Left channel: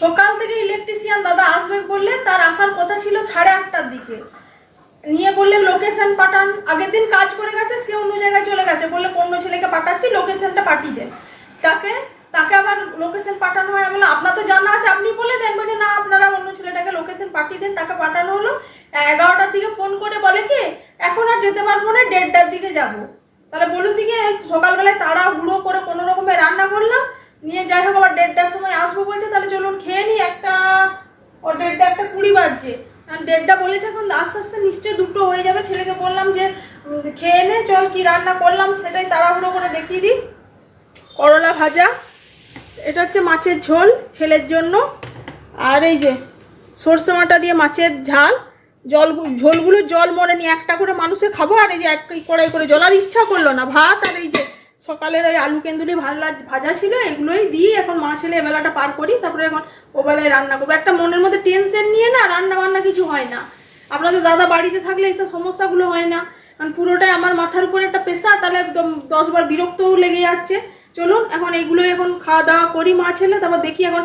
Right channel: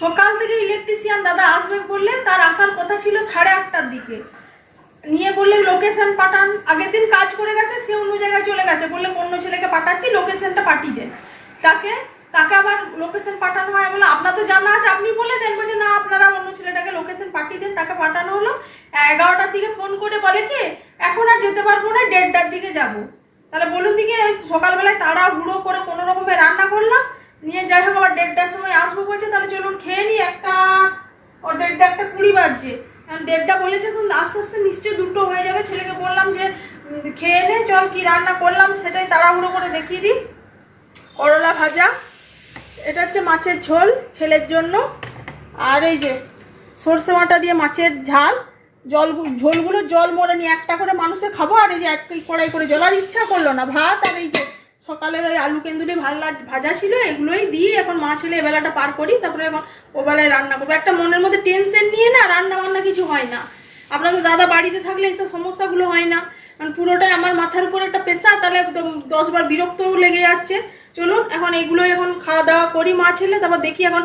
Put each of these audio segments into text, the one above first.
সকাল থেকে ইলেকট্রিশিয়ান দাদা আসবে বললেন, তার আসার কথা ছিল 8:30টার দিকে। নিয়ে বললে লোকেশন পাঠান, আগের দিন কাজ করে গেছে, সে অন্য জায়গায় চলে গেছে, বললে অন্য ছেলেকে পাঠাচ্ছি, লোকেশনটা পাঠিয়ে দেন। তাকে আবার লোকেশন পাঠানো হয়। আমি বললাম আপনার তো জানা আছে, আপনি বলে দেন। বলছে না, আপনারা অন্য ছেলেটাকে লোকেশন পাঠিয়ে দেন। তাকে পাঠানো হলো। 11টার দিকে ফোন করে বলে কি এখন আর যেতে পারবো না, 1:30টার দিকে যাব। তাহলে বলুন দিকে সকালবেলায় তাড়াহুড়ো করে কোনো রকমে রান্না করলাম, নিয়ে যাই হোক আবার 1:30টার সময় আসবো বলছে। তাহলে চলুন খেয়ে নিই, 1:30 বাজছে। 1:30 বলেছে, এখন আস্তে আস্তে নিশ্চয়ই 2টো হয়ে যাবে। ছেলেকে বললাম যে খেয়ে নে, চল কি রান্না করলাম সেটাই তাড়াহুড়ো করে দেখিয়ে দিই। করলা ভাজা, এটা হচ্ছে মাছের ঝোল ছেলের জন্য, আর এই যে সরষে বাটা দিয়ে মাছের ঝাল। ঝোলগুলো জল মরেনি, একটা করে মানুষে খাবো। আর এই যে এক কড়াই করে জল, আর ইচ্ছা করলো না ভাত। আর এই যে সকালের ওই আলু কেন্দুরি ভাজা ছিল, এগুলোই দিয়ে এখন মা ছেলে এবেলাটা পার করি। তারপরে এখন ওবেলায় রান্না করবো। একটা মনের মধ্যে টেনশন নিয়ে না রান্না বান্না কিছু হয় না। আপনাদের দাদা বাড়িতে থাকলে এইসব সমস্যাগুলো হয় না, কারণ পুরোটাই আমার মাথার উপর একটা প্রেশার। তাহলে একদম 10 বার বিরক্তও লেগে যাচ্ছে। চলুন এখন এইগুলোই এখন খাওয়া দাওয়া করি মা ছেলে, তারপর দেখি এখন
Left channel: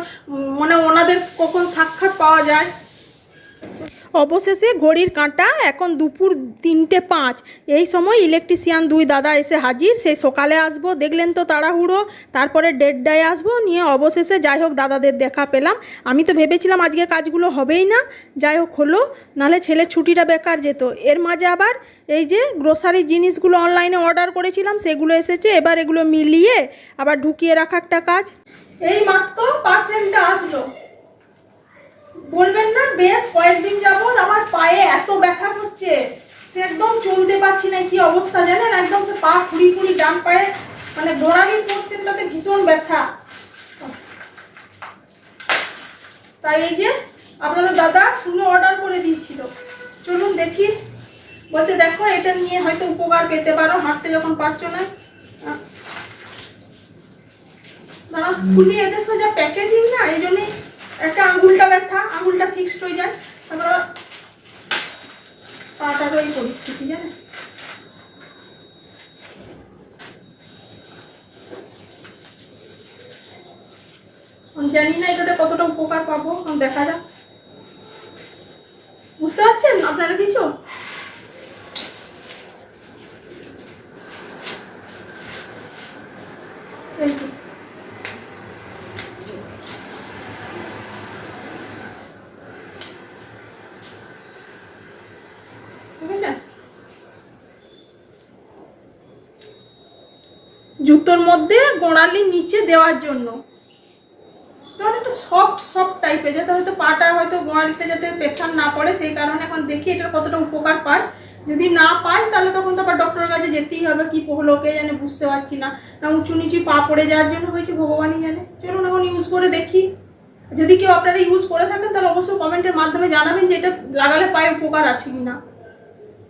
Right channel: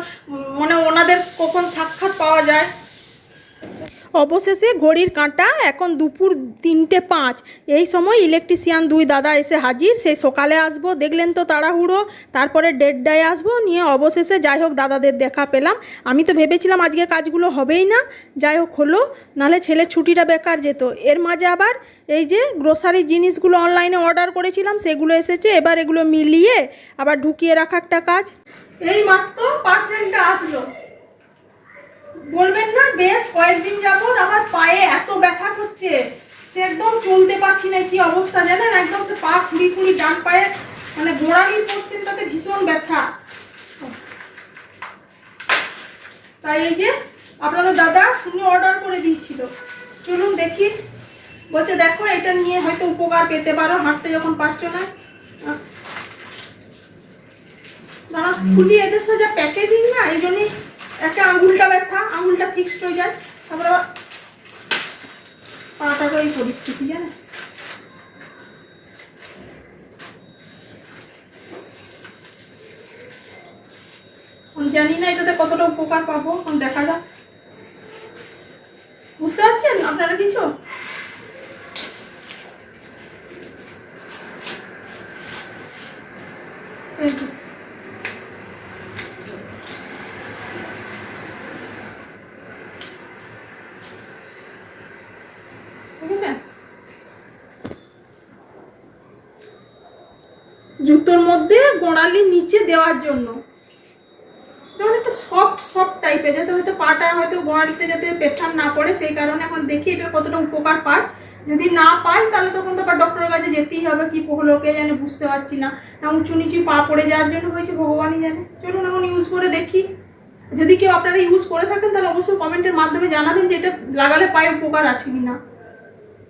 মানে ওনাদের কখন সাক্ষাৎ পাওয়া যায়। অবশেষে ঘড়ির কাঁটা এখন দুপুর 3:05। এই সময় ইলেকট্রিশিয়ান 2 দাদা এসে হাজির। সেই সকালে আসবো দেখলেন তো, তাড়াহুড়ো। তারপরে 1:30টায় আসবো। নিয়ে অবশেষে যাই হোক দাদাদের দেখা পেলাম। আমি তো ভেবেছিলাম আজকে কাজগুলো হবেই না, যাই হোক হলো, নাহলে ছেলের ছুটিটা বেকার যেত। এর মাঝে আবার এই যে গ্রোসারি জিনিসগুলো অনলাইনে অর্ডার করেছিলাম, সেগুলো এসেছে। এবার এগুলো মিলিয়ে আবার ঢুকিয়ে রাখা একটা কাজ। এই মাত্র পার্সেলটা আসলো। বলবেন না বেশ কয়েকদিন যাবত আমার পায়ে এত ব্যথা হচ্ছে, সে একদম চলতে পারছি না। কি অবস্থা জানেন, একদম সে পা ফুলি ডান পায়ে মানে গোড়ালির পোর্শনটাতে ভীষণ ব্যথা। তাই এই যে আপনাদের দাদা শুনে অর্ডার করে দিয়েছিল। চলুন দেখি। বলছে দেখো এটা নিয়ে হয়তো উপকার পেতে পারো, হাঁটতে যখন পারছো না। খুবই এদের সোজা প্যাকেজিং না, এই জন্যই একটা আঙুলটা ব্যথা, আঙুলটা ফিক্সড হয়ে যায়। তারপর আবার পাটারও এই পরিস্থিতি জানেন। আমি জানি না এটাতে কতটা উপকার পাবো, দেখা যাক। বুঝতে পারছেন আপনারা কিছু? জুতোর মধ্যে গোড়ালির নিচে দেওয়ার জন্য একটা সফট টাইপের, যাতে হয়তো পাটা হয়তো গোড়ালিতে যাতে প্রেশার না পড়ে, সেই কারণে এখন দেখি এটা কতটা উপকার পায়। যদি না পাই তাহলে তখন তো আবার ডক্টরের কাছে যেতেই হবে। কি হলো কে জানে, বুঝতে পারছি না। উঁচু নিচু পা পড়ে যাওয়ার জন্য হয়েছে ভগবানই জানে। চলুন এখন ইউজ করে দেখি। যদি কেউ আপনারা ইউজ করে থাকেন তাহলে অবশ্যই কমেন্টের মাধ্যমে জানাবেন যে এটা লাগালে পায়ে উপকার আছে কিনা।